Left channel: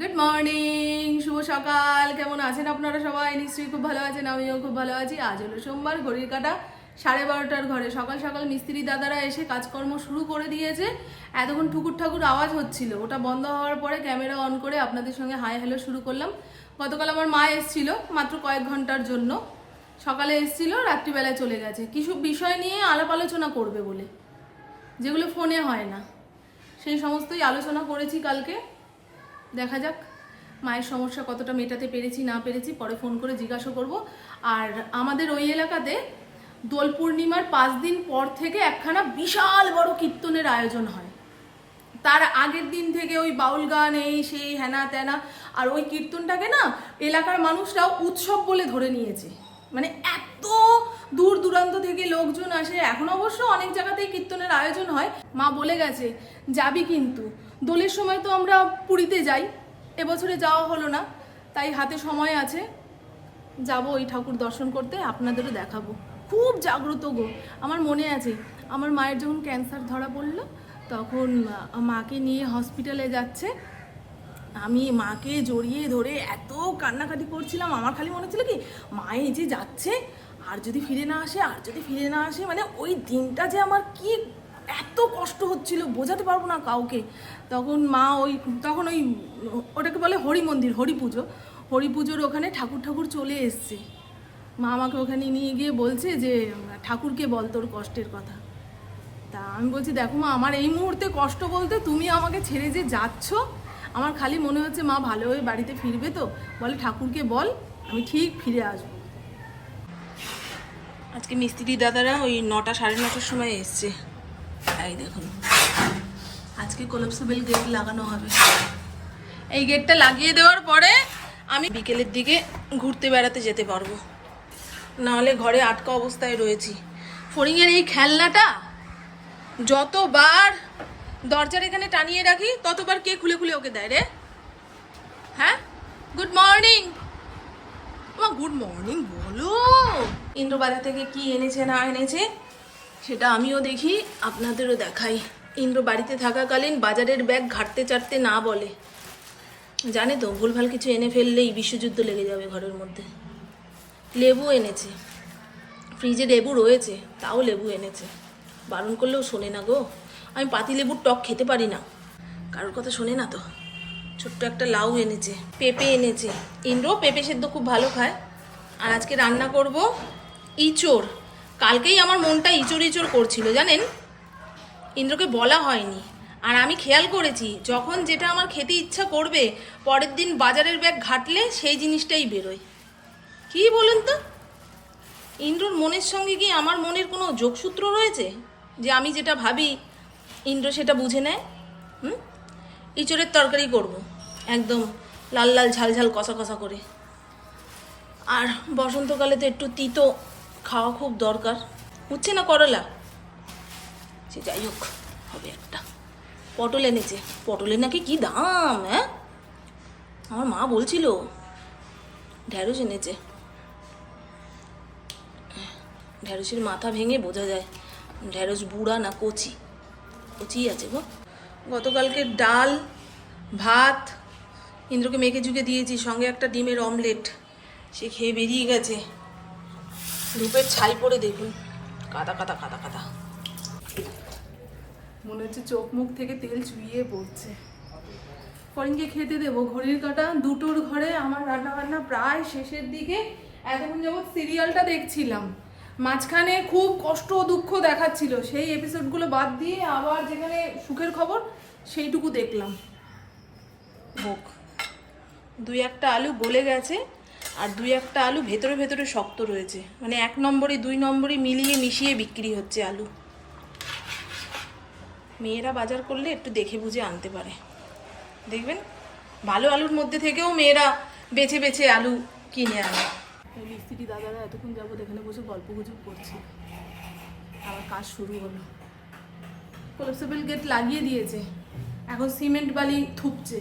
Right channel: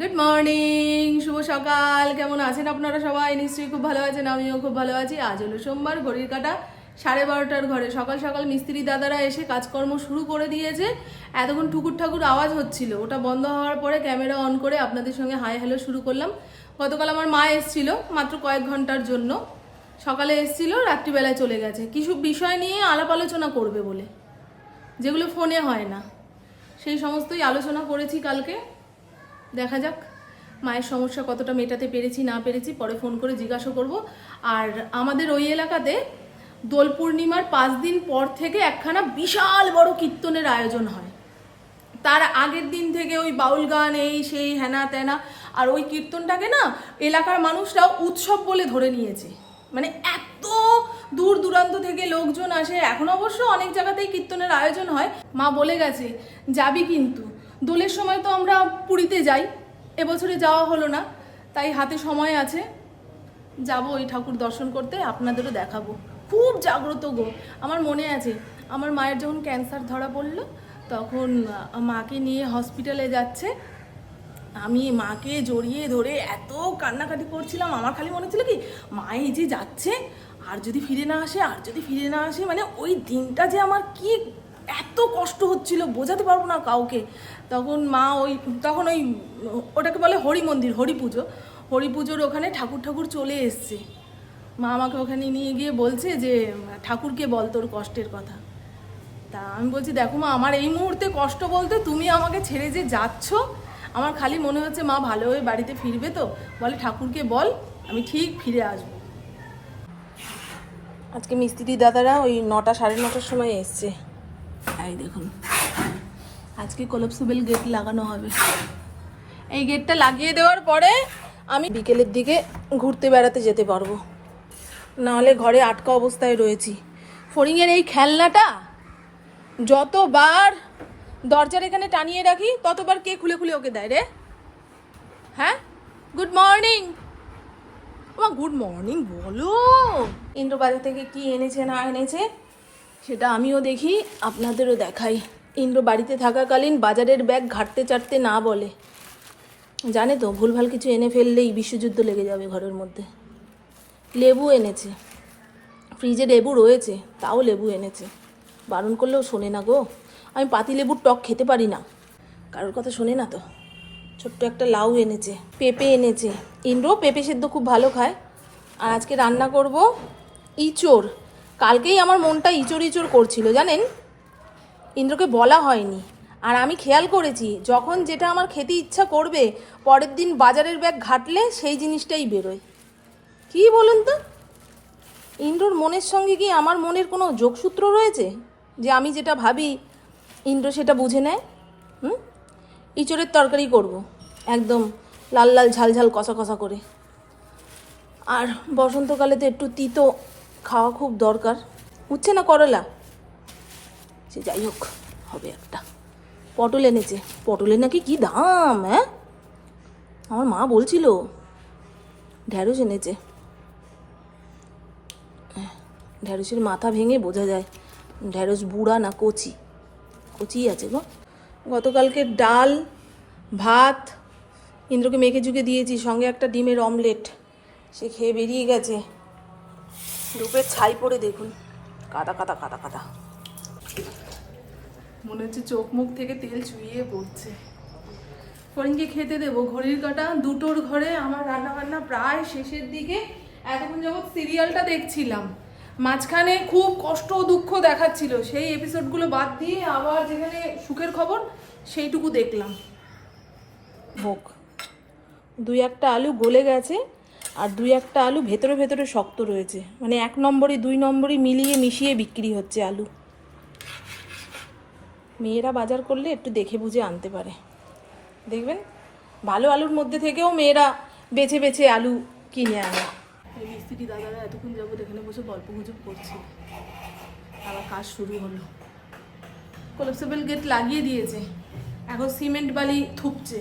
Good morning শুভ সকাল। কেমন আছেন আপনারা সবাই? নিশ্চয়ই খুব ভালো আছেন, আমিও খুব ভালো আছি। আজ হলো সোমবার, ঘড়ির কাটা সাড়ে বারোটার ঘরে। সকাল সকাল মিস্ত্রি দাদারা এসে কাজকর্ম শুরু করে দিয়েছে। এতক্ষণ ঠুকুর ঠাকুর আওয়াজ হচ্ছিল। ওটা বন্ধ হওয়ার পরে ক্যামেরা অন করে আপনাদের সঙ্গে হাই হ্যালো শুরু করলাম। গতকাল আমার মা এসছিল মাত্র কয়েক ঘণ্টার জন্য। সকালে এসছিল, রাত্রিবেলায় চলে গেছে। কিছু বিষয় নিয়ে আলাপ আলোচনা করবে বলে? যেগুলো ফোনে হয় না। সেই সমস্তই আলোচনা করেছি কালকে। দেখা যাক। মায়ের সমস্যা কতটা মেটাতে পেরেছি, না পেরেছি, পরে ফোন করে জিজ্ঞাসা করব। আর আমাদের ওই এলাকাতে দোল পূর্ণিমার পাঁচ দিন পর থেকে একখানা বিশাল বড় কীর্তনের আয়োজন হয়। তার আগের দিন থেকে ওই বাউল গান, এই সেই হেনা তেনা, আর ওই কীর্তনটাকে না এলাকার মানুষরাও উৎসব বলে ধরে নিয়েছে। মানে এত দূর দূরান্ত থেকে লোকজন আসে। এখন অবশ্য অনেক জায়গাতেই কীর্তনের আয়োজন হয়। মা বলে গেছে, যাবি কিন্তু। দোলের সময় তো আমরা পুরীতে যাই। এবছরে যাওয়া হলো না, তাই হাতে সময় আছে। যাব ওই ঠাকুর দর্শন করতে, আপনাদেরও দেখাবো। খুব জাগ্রত গো। আমার মনে আছে, আমার মায়ের যখন ক্যান্সার ধরা পড়ল, তখন মাকে নিয়ে হসপিটালে যাচ্ছে। আমি মাকে জড়িয়ে ধরে এত কান্নাকাটি করছিলাম, আমার খালি মনে ছিল কি, মা এই যে যাচ্ছে, আর যদি ফিরে না আসে, আর যদি ফিরে না আসে মানে ওই দিনটা যে আমার কি এত কষ্ট হচ্ছিল, বোঝাতে পারব না কাউকে। তখন মা ওই, তখন ওই, ওটাকে বলে হরি মন্দির, হরি পুজো। হরি পুজোর ওখানে ঠাকুর ঠাকুর চলে এসছে। মা আমাকে ওখানে নিয়ে গিয়ে বলছে যে, ঠাকুরকে বল তোর কষ্টের কথা। তা আমি বলছি, দেখো মা, আমার এই মুহূর্তে কষ্ট বলতে তুমি আমাকে ছেড়ে যে যাচ্ছ, আমার খালি মনে হচ্ছে মা ভালো হয়ে বাড়িতে ফিরবে তো। বলে, ঠাকুরকে বল, আমি ঠিক ফিরে আসব। আজকে মিস্ত্রি দাদারা ওই নটা সাড়ে নটার সময় এসছে। এই দেখুন। আজকে কোলপসিবল গেট লাগানো হবে। এই গেটটা লাগিয়ে দেওয়ার পরে আমি বিকেলের দিকে ঘুরতে বেড়াতে যেতে পারব। নাহলে ঘরে আটকা অবস্থায় রয়েছি। ফড়িংয়ের এই খেলনাটা যতবার দরজার এখানে টানিয়ে রাখি, ততবার কে খুলে খুলে ওকে দেয় রে? হ্যাঁ? গুড মর্নিং গুড মর্নিং বলো। ইন্দ্র বাজার থেকে কি এনেছে, না এনেছে? সেটা আমিও দেখি, আপনাদেরও দেখাই। ইন্দ্র বাড়িতে থাকাকালীন বাজারের ব্যাগ ঘাটতে চাটতে না বলে। জানে তো, ভুলভাল কিছু এনে ফেললেই বিশ্বযুদ্ধ লেগে যাবে ঘরের মধ্যে। লেবু এনেছে। ফ্রিজে লেবু রয়েছে, তাও লেবু এনেছে। বারণ করলেও শোনে না গো। আমি পাতি লেবুর টক খেতে পারি না। কারোর কথা শোনে না তো। ছোট্ট একটা লাউ এনেছে, পেঁপে এনেছে। ইন্দ্র পেঁপে সেদ্ধ খুব ভালো খায়। আর আজকে রান্না করব ইঁচড়। কালকেই আমার মনটা ইঁচড় ইঁচড় করছিল, জানেন? ইন্দ্রকে বলা হয়নি। আর আমি খেয়াল করেছি, যখন যেটা আমার খেতে ইচ্ছা করবে, পরের দিন বাজারের ব্যাগ ঘাটলে সেই জিনিসটাই বেরোয়। কি বলুন তো? ইন্দ্রর মনের সঙ্গে কি আমার মনের কোনো যোগসূত্র রয়েছে? যে আমি যেটা ভাবি, ইন্দ্র সেটা বুঝে নেয়? হুম? ইঁচড়ের তরকারি করব, একদম লাল লাল ঝাল ঝাল কষা কষা করে। আর বসন্তকালে তো একটু তিতো খাওয়া খুব দরকার। উঠছে না করলা? সে যাই হোক, হবে একটা। পটল এনেছে। পটলের নাকি কি দাম হ্যাঁ? আমার মা বলছিল ঢ্যাঁড়স এনেছে। ঢ্যাঁড়সের মাথা ভেঙে বোঝা যায়। ঢ্যাঁড়স বুড়া না কচি? কচি আছে গো। গতকালকে ডাল, ভাত, ইন্দ্রকে মেখে চুকে দিয়েছি, সঙ্গে একটা ডিমের অমলেট। সে খেয়ে বেরিয়ে গেছে। রূপের ছাই পড়ে দেখুন। কাদা কাদা কাদা কাদা। মনে হচ্ছে চোখ মুখ থেকে তেল চুইয়ে পড়ছে। ফরিনকে খেতে দেবো। ঘড়ির কাটা দুটোর ঘরে আমার রান্না বান্না প্রায় শেষের দিকে। এতক্ষণ যাবৎ সিরিয়ালটা দেখছিলাম। মাঝখানে খুব কষ্ট দুঃখ দেখাচ্ছিল। সেই এপিসোডগুলো বাদ দিয়ে আবার যেখানে সুখের খবর সেইটুকু দেখলাম। হোক দুই একটা আলু গলে গেছে। আর দুই একটা আলু ভেতরে ভেতরে শক্ত রয়েছে। মানে এক নম্বরই, দুই নম্বরই মিলিয়ে মিশিয়ে বিক্রি হচ্ছে আলু। মেয়েরা বাজার করলে একটু দেখে বুঝে আনতে পারে। দেখবেন? ভালো আলুর মধ্যে থেকেও মেয়েরা বেছে বেছে আলু কিনে আনে। এই মিস্ত্রি দাদারা এতক্ষণ যাবত এখানে বসে গল্প গুজব করছিল। আবার কাজ শুরু হলো। কোলাপসেবল গেট লাগিয়ে দিয়েছে। এখন সিমেন্ট বালি থুপছে।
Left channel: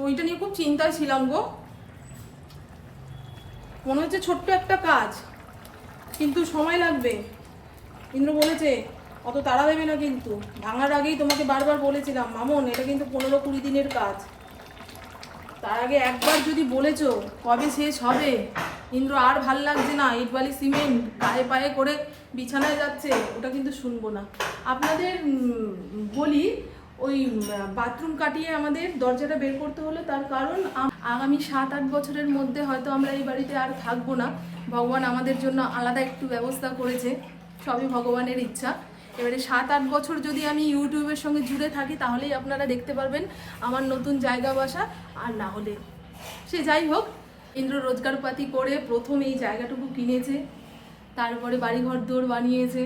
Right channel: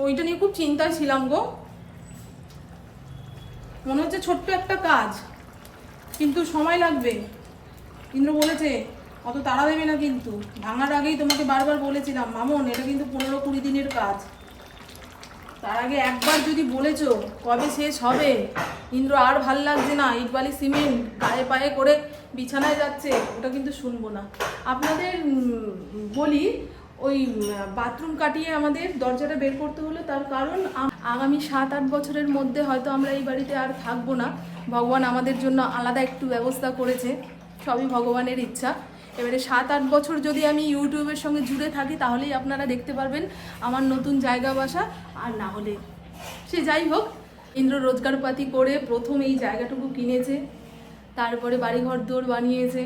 ওইটা নিয়ে খুব চিন্তায় ছিলাম গো। মনে হচ্ছে ছোট্ট একটা কাজ, কিন্তু সময় লাগবে। ইন্দ্র বলেছে, অত তাড়া দেবে না কিন্তু। ভাঙার আগেই তোমাকে বারবার বলেছিলাম, মামন, এটা কিন্তু পনেরো কুড়ি দিনের কাজ। তার আগে একবার যদি বলেছ কবে শেষ হবে, ইন্দ্র আর ভালো লাগছে না ইট বালি সিমেন্ট গায়ে পায়ে করে বিছানায় যাচ্ছে, ওটা কিন্তু শুনব না। আপনাদের বলি ওই বাথরুম কাটিয়ে আমাদের দরজাটা বের করতে হলো। তার কারণ আগামী সাত আট বছরের মধ্যে হয়তো আমরা এই বাড়িতে আর থাকব না। ভগবান আমাদের জন্য আলাদা একটু ব্যবস্থা করেছে। সবই ভগবানের ইচ্ছা। এবারে সাত আট বছর যদি আমি ইউটিউবের সঙ্গে জুড়ে থাকি, তাহলেই আপনারা দেখতে পারবেন আমার নতুন জায়গা বাসা। আর না হলে সে যাই হোক, ইন্দ্র রোজগারপাতি করে প্রথম এই জায়গাটুকু কিনেছে। তারপরে বাড়িঘর দৌড় বানিয়েছে।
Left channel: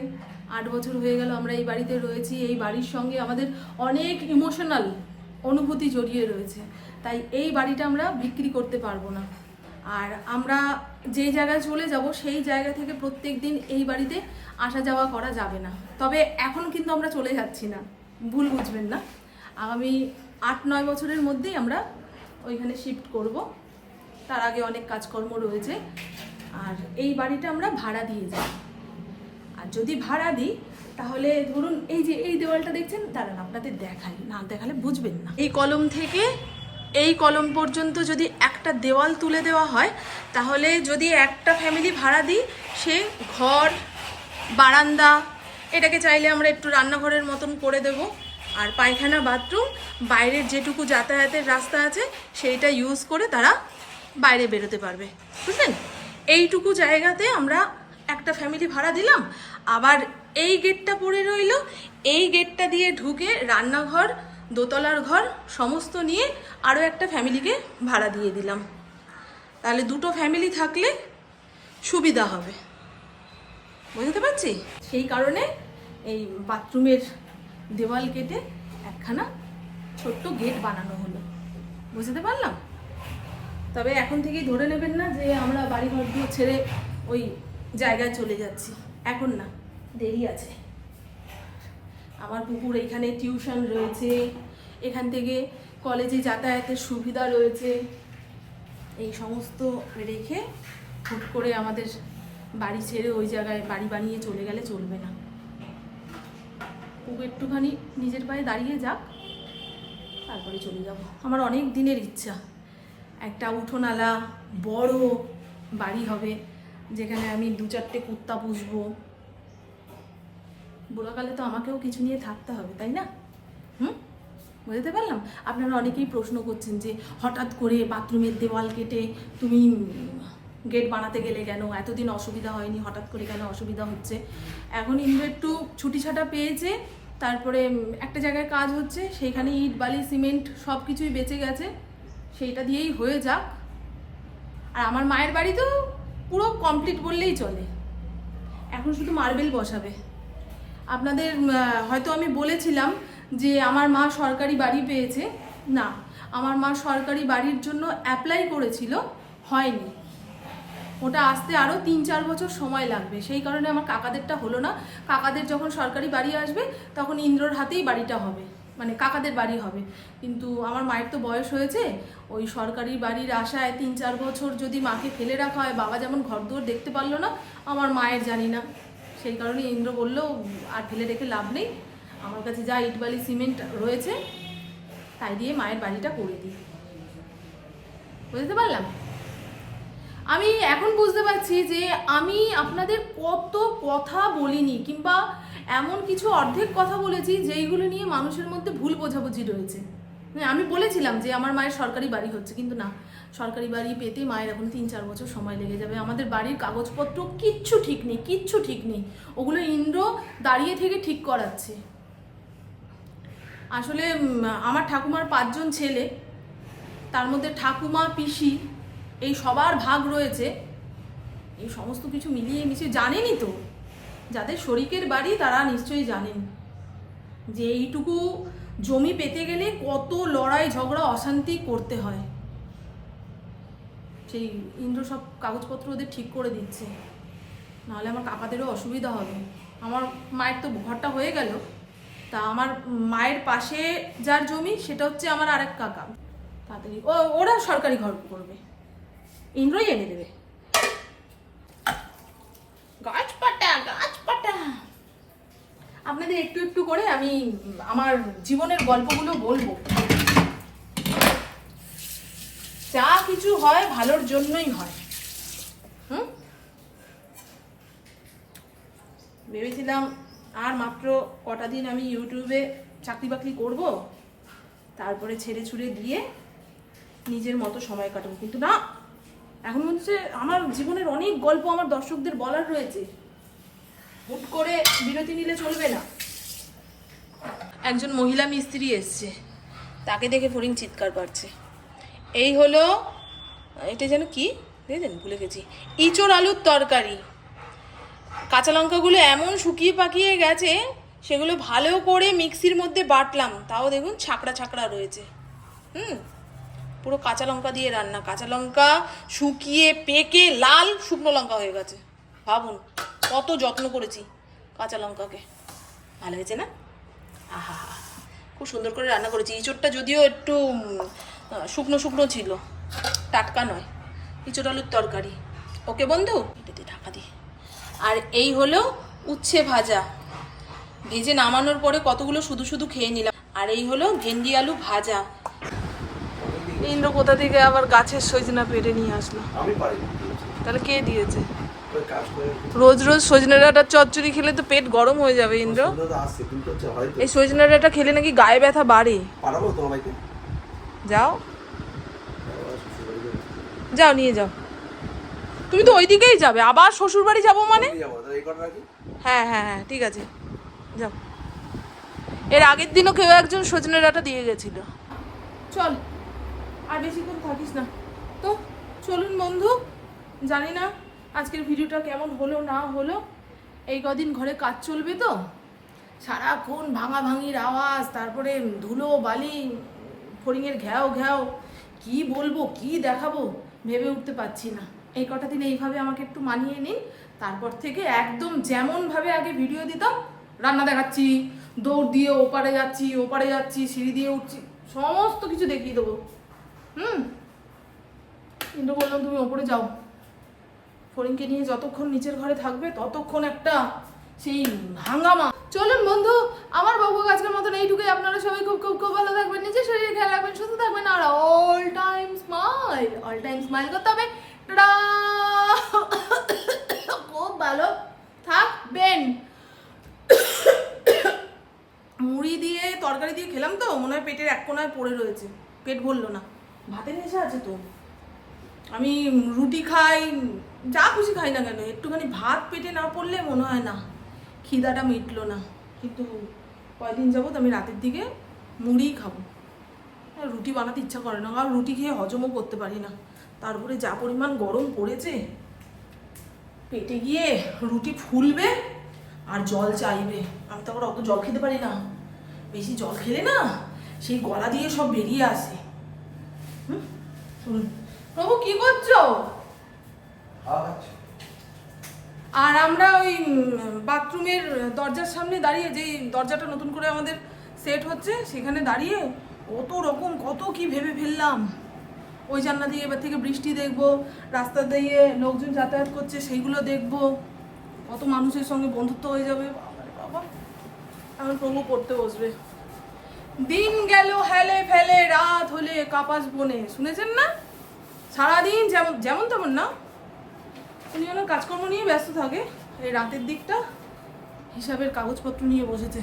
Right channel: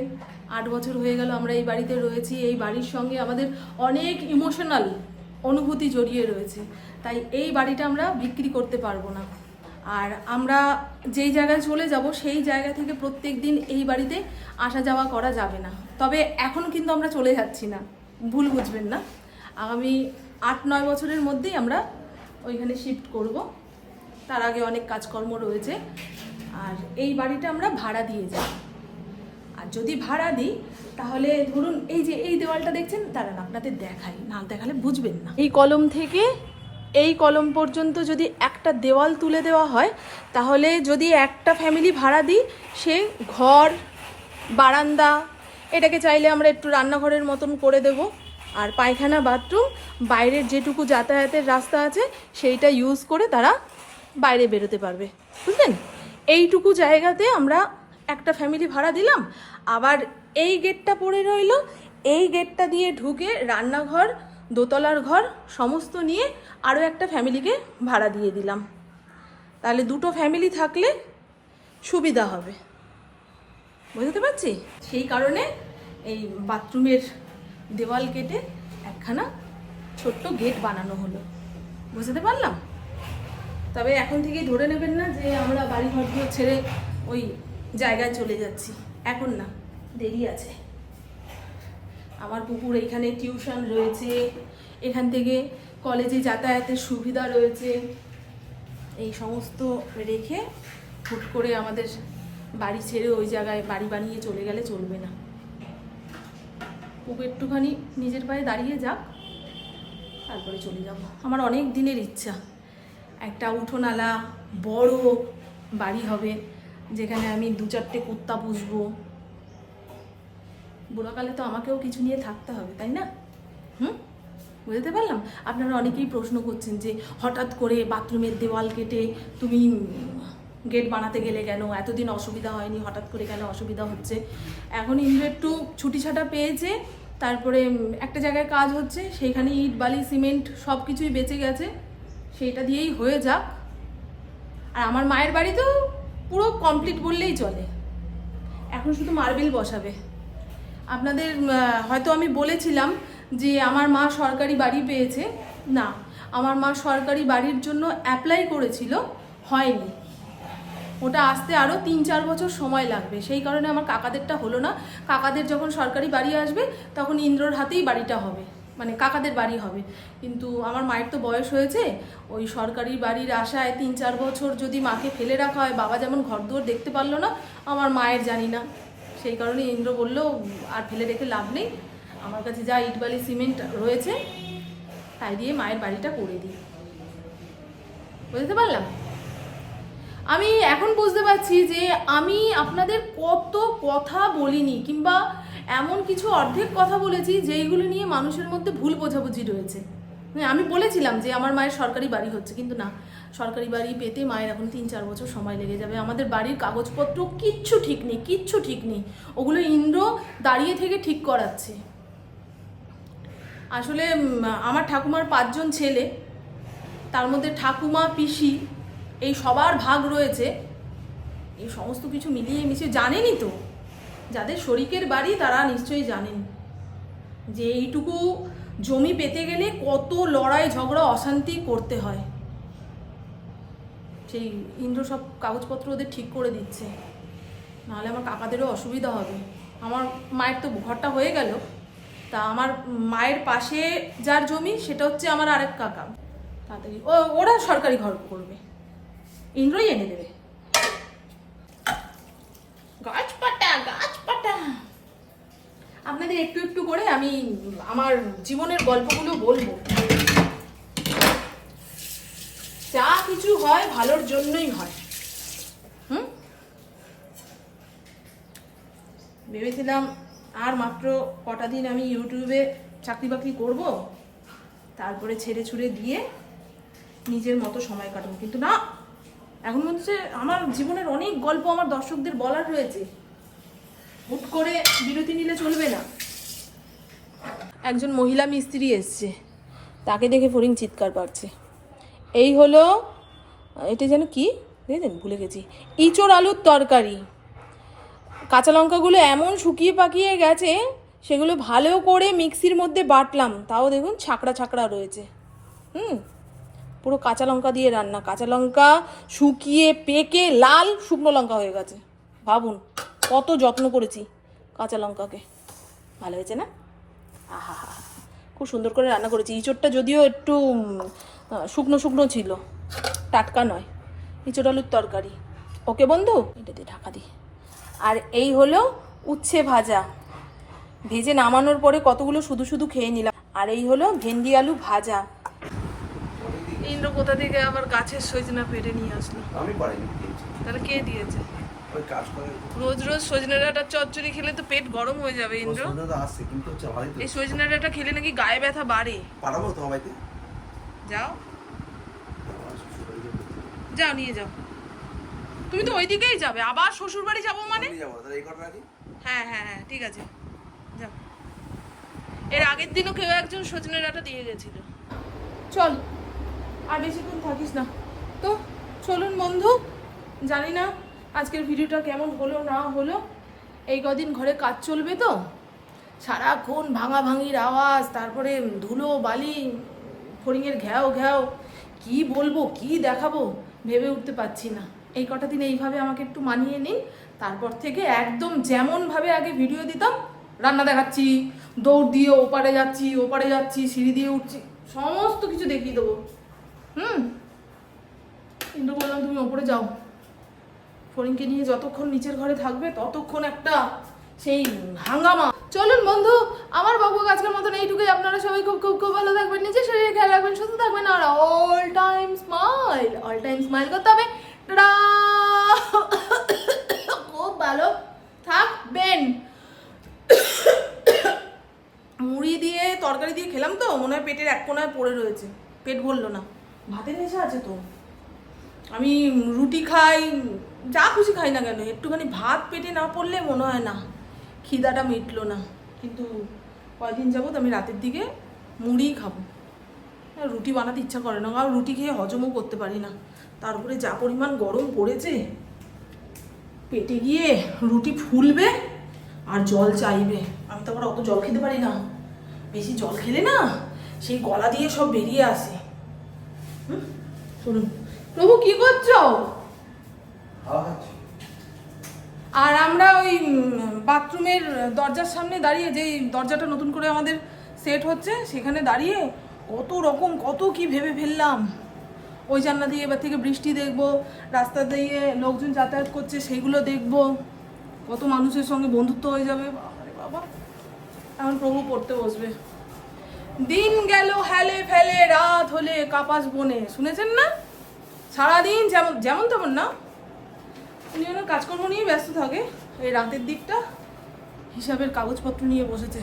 আট বছর হয়ে গেল আমরা এই বাড়িতে রয়েছি। এই বাড়ির সঙ্গে আমাদের অনেক ইমোশনাল অনুভূতি জড়িয়ে রয়েছে। তাই এই বাড়িটা আমরা বিক্রি করতে পারব না। আর আমরা যেই জায়গায় চলে যাব, সেই জায়গা থেকে প্রত্যেক দিন এই বাড়িতে আসা যাওয়া করা যাবে না। তবে এখন কিন্তু আমরা চলে যাচ্ছি না। ভুল বুঝবেন না। আগামী আট, নয় বছরের মধ্যেই আমরা ওইখানে শিফট করব। তার আগে অনেক কাজকর্ম রয়েছে। আর এই বাড়িটা আমরা ভাড়া দিয়ে যাই। আর যদি ভাড়া দিই, তাহলে ধরুন এই যে এই দেওয়ালটা দেখছেন, দাঁড়ান আপনাদের দেখাই, না দেখালে বুঝবেন না। এই কলম থেকে এই কলম পর্যন্ত যদি একটা দেওয়াল তুলে দেওয়া হয়, তাহলে যদি একটা ফ্যামিলি ভাড়া দিই, সে ঘর, বারান্দা, এটাকে চাইলে আমরা একটু রান্নাঘরের মতন করে দেব। আর পায়খানা, বাথরুম, বাইরের যেটুকু যাতায়াতের রাস্তা আছে, সেইটা ইউজ করে তারা বাইরে বেরোতে পারবে। বুঝলেন? এইটুকু জায়গাতে আমরা একটা ফ্যামিলি ভাড়া দিলাম, আবার এই গেটটা পড়ে রইল, এই গেটটা দিয়ে ঢুকে রান্নাঘর, দোতলার ঘর, সমস্ত নিয়ে আরও একটা ফ্যামিলিকে ভাড়া দিয়ে দিলাম। তাহলে দুটো ফ্যামিলি থাকলে সুবিধা হবে। বুঝতে পারছি? সেই কারণে এই বাথরুমের দেওয়াল কেটে একখানা ছোট্ট গেট বানানো হলো। বুঝতে পারলাম? তবে এখন থেকেই ধরে নেবেন না যে আমরা বাড়ি ঘর দুয়ার ছেড়ে ওই জায়গায় চলে যাচ্ছি। এখন না, দেরি আছে। আমার পুকুর এখানে টিউশন রয়েছে, এখান থেকে কলেজে যাতায়াতের সুবিধা রয়েছে। এই সমস্ত রেখে হুট করে আমাদের বাড়ি ছেড়ে ওই জায়গায় বাড়ি বানিয়ে চলে গেলে চলবে না। পুকুর একটুখানি নিজের পায়ে দাঁড়িয়ে যাক, তারপরে চলে যাব। আমার অনেক দিনের ইচ্ছা। একটা উঠোনালা, বড় বাড়ি হবে। যেখানে আমি দু চারটে কুত্তা পুষবো। বুড়াকালে তো আমাকেও কিছু নিয়ে থাকতে হবে, তাই না? হুম? বুঝতে পারলাম? আপনারা অনেকেই প্রশ্ন করছেন যে হঠাৎ করে বাথরুমের দেওয়াল কেটে তুমি গেট বানাতে গেলে কেন? এতদিন অসুবিধা হয়নি, হঠাৎ করে কেন অসুবিধা হচ্ছে? এখন ইন্দ্র একটু ছুটি ছাটা পেয়েছে, তারপরে একটা জায়গায় কাজ হচ্ছে, সেইখানে ইট, বালি, সিমেন্ট সব কিছুই বেঁচে গেছে, সেইটা দিয়েই হয়ে যাক। আর আমার মায়ের বাড়ি তো পুরো কমপ্লিট বললেই চলে। এখন শুধু মার্বেল বসাবে। আপনাদের হয়তো আমি বলেছিলাম যে আমার মা সরকারি বাড়ি পেয়েছে। না, আমার মা সরকারি বাড়ির জন্য অ্যাপ্লাই করেছিল, হয়নি। ওটা আসতে আরও তিন চার বছর সময় লাগবে। সেই কারণে আমার কাকাদেরটা হলো না। কাকাদের যখন সরকারি বাড়ি আসবে, তখন ইন্দ্রর হাতেই বাড়িটা হবে। মানে কাকাদের বাড়ি হবে। কিন্তু আমার মায়ের তো বয়স হয়েছে, ওই সরকারি বাড়ির আশায় তিন চার বছর যদি মাকে ফেলে রাখা হয়, বাবা যেমন ঘরদুয়ার দেখতে পারল না, আমার মায়ের জানি না। সেই কারণে ইন্দ্র বলল, আর ফেলে রেখে লাভ নেই। আমার কাছে যা ইটবালি সিমেন্ট রয়েছে, তাই দিয়ে মায়ের বাড়িটা করে দিই। বুঝতে পারলাম? আমি এখন বুঝতে পারছি যে আমি আপনাদের কত কথা বলিনি, কিংবা এমন কিছু অর্ধেক কথা বলেছি যেইগুলো নিয়ে মানুষের মধ্যে ভুল বোঝাবুঝি রয়েছে। হ্যাঁ, আমি বলেছিলাম যে আমার মায়ের সরকারি বাড়ি হচ্ছে কিন্তু না। সরকারি বাড়ি পেতে মায়ের এখন তিন চার বছর সময় লেগে যাবে। আমাদের বাড়ির কাগজপত্র কিচ্ছু ঠিক নেই কিচ্ছু ঠিক নেই। ওগুলো ইন্দ্র দাঁড়িয়ে থেকে ঠিক করাচ্ছে। আসলে আমার ঠাকুমার পাঁচজন ছেলে তার মধ্যে ঠাকুমা পিসি এই সবার ভাগ রয়েছে। এই সমস্ত কিছু মিলিয়ে মিশিয়ে জানেনই তো? যাদের শরিকের বাড়ি তারা নিশ্চয়ই জানেন। যে এইটুকু জমি পেতে গেলে কত লড়াই, ঝগড়া, অশান্তি করতে হয়। সেই ইন্দ্র সব কাগজপত্র ওদের ঠিক করে দিচ্ছে। নাহলে আমার কাকাদেরও অসুবিধা হবে। আমার মায়ের তো ঘরটা হয়ে গেল। তা আমার মায়ের পাশে যার জমি, সেটা হচ্ছে আমার আরেক কাকা। তাড়াতাড়ি। ও, ওরা সরকারি ঘর করবে। ইন্দ্রই এনে দেবে। আপনাদের একটু একটু করে আমি আমার জীবনের গল্পগুলো বলব। যা কিছু হয় ভালোর জন্যই হয়। হুম? ভেবেছিলাম আর মাত্র কটা দিন আমি ইউটিউবে চাকরি বাকরি করব, তারপরে ছেড়ে ছুড়ে দিয়ে নিজের মতো সময় কাটাবো। কিন্তু না, এখন মনে হচ্ছে আমার জীবনের অনেক গল্প আমার দর্শকদের বলার রয়েছে। হুট করে বিরতি নিলে চলবে না। একজন মহিলা মিস্ত্রি এসছে। তাকে দেখে ফরিং চিৎকার পাচ্ছে। এই হলো, এটা যেন কি? দেখেছেন? ভুলে গেছি। ইঁচড় আলুর তরকারি। কাঁচা লঙ্কাগুলো এমন শুকিয়ে পাকিয়ে গেছে, সেগুলো ভালো করে মিক্সির মধ্যে বাটলাম। তাও দেখুন ছাকড়া ছাকড়া রয়েছে। হুম? পুরো কাঁচা লঙ্কা দিয়ে রান্না। কাঁচা লঙ্কা শুকিয়ে পেকে লাল শুকনো লঙ্কা হয়ে গেছে। ভাবুন। কত যত্ন করেছি কাঁচা লঙ্কাকে। ভালো হয়েছে না? আহা হা খুব সুন্দর করে রান্না করেছি। ইঁচড়টা যদিও একটু শুকনো শুকনো ছিল টাটকা নয়। ইঁচড় আলুর তরকারি। ওকে বন্ধু? এটা দিয়ে ঢাকা দিই। আর এই হলো উচ্ছে ভাজা। ভেজে নামানোর পরে কতগুলো শুধু শুধু খেয়ে নিলাম। আর এই হলো ভেন্ডি আলু ভাজা। ইন্দ্র কোথা থেকে আবার গাছের সজনা পেরে নিয়ে আসলো? আমি তাহলে কে দিয়েছে? ওই কাজ করে রোজ রোজ সজনে ডাঁটার চচ্চড়ি খেলে তো পেট গরম হয়ে যাবে ইন্দ্র। সুন্দর আসছে কিন্তু হচ্ছে ভালোই তো। এই সজনে ডাঁটা খেলে নাকি গায়ে ব্যথা বাড়ে। পাঠাবো তোমার বাড়িতে যাও। যাও নিয়ে যাও। তুমি তো ওই দিকেই যাবে আবার শ্বশুর বাড়ি যাব মানে হ্যাঁ হ্যাঁ হ্যাঁ ঠিক আছে। যাও। এর আগের দিনও কেউ একজন সজনে ডাঁটা দিয়ে গেছিল। চল আর বেশিক্ষণ থাকিস না। তো চলুন বন্ধু জানি না আজকের ভিডিওটা কেমন হলো, না হলো? এই কদিন ঘরে কাজ চলবে তো। সারাক্ষণ ভাঙা ভাঙির আওয়াজ, তারপরে ধুলো, বালি, ফড়িংয়ের ঘ্যাও ঘ্যাও। কি বলব, কি দেখাবো, ভেবে উঠতে পারছি না। এই কটা দিন এইভাবে আমাকে একটু মানিয়ে নিন, তারপর থেকে একদম যেমনভাবে আগে ভিডিও দিতাম, রান্না দেখাচ্ছি, দৌড় দিয়ে ওপারে যাচ্ছি ওপারে যাচ্ছি, সিঁড়ি দিয়ে উঠছি, সমস্ত কিছু দেখিয়ে দেবো। হুম? কিন্তু বললাম তুমি ওপরে যাও। ফরিনকে নিয়ে যতক্ষণ নিচের ঘরে থাকবে, ততক্ষণ একটা সেই হাঙ্গামা। চলুন বন্ধু, আমার বাবু আজকের মতন এইটুকুই। আপনারা সবাই খুব খুব খুব ভালো থাকবেন, নিজের শরীরে খেয়াল রাখবেন, সুস্থ থাকবেন, আর all time smile all time smile করতে হবে! খুব ভালো থাকবেন। মুড়ি দিয়ে তরকারি দিয়ে খেলাম তো, মনে হয় পেটের এক কোনায় পড়ে রয়েছে। পেট ভরলো না। ভাতের নেশা আছে তো? আমি রুটি খাই, যা খুশি খাই না কেন, একটুখানি ভাত পেটে না পড়লে মনে হয় না, খিদাটা মিটলো না। কিন্তু কয়দিন যাবত আমি রাতের দিকে মুড়িই খাব। রুটি বানাতে ইচ্ছা করে না, কারণ রুটি খেয়ে হজমও করতে পারি না। তারপরে যা পরিমাণ গরম পড়েছে, পেটে গিয়ে রুটি ফুলবে আর জল চাইবে। আমি তো আবার অত জল খেতে পারি না। বেশি জল খেলে না, সেই গলা দিয়ে সব বেরিয়ে আসে। হুম? শুনুন প্রভু, কি করছ? আর আমরা ওই বাথরুমের দরজার সামনে দাঁড়িয়ে, যেই দরজাটা নতুন করে আমাদের সেট হচ্ছে, সেখানে দাঁড়িয়ে কত রকম, কত কি ভেবে ফেললাম। ওই জানলা দিয়ে এবার থেকে বৃষ্টি দেখব, রাস্তা দিয়ে লোকজন যাতায়াত করছে সেইগুলো দেখব। কত মানুষের সঙ্গে বন্ধুত্ব হয়ে যাবে, বাবারে বাবা। এখন প্রভু পড়তে বসবে। দিন গেল, হেলে ফেলে, রাত হলে, কাপাস বনে। শুনেছেন না? সারাদিন যেমন যেমন তেমন না। উনি ওনার কাজকর্ম নিয়ে ব্যস্ত থাকে, এই রাতের দিকটা হিসাবের কাগজপত্র নিয়ে বসেছে।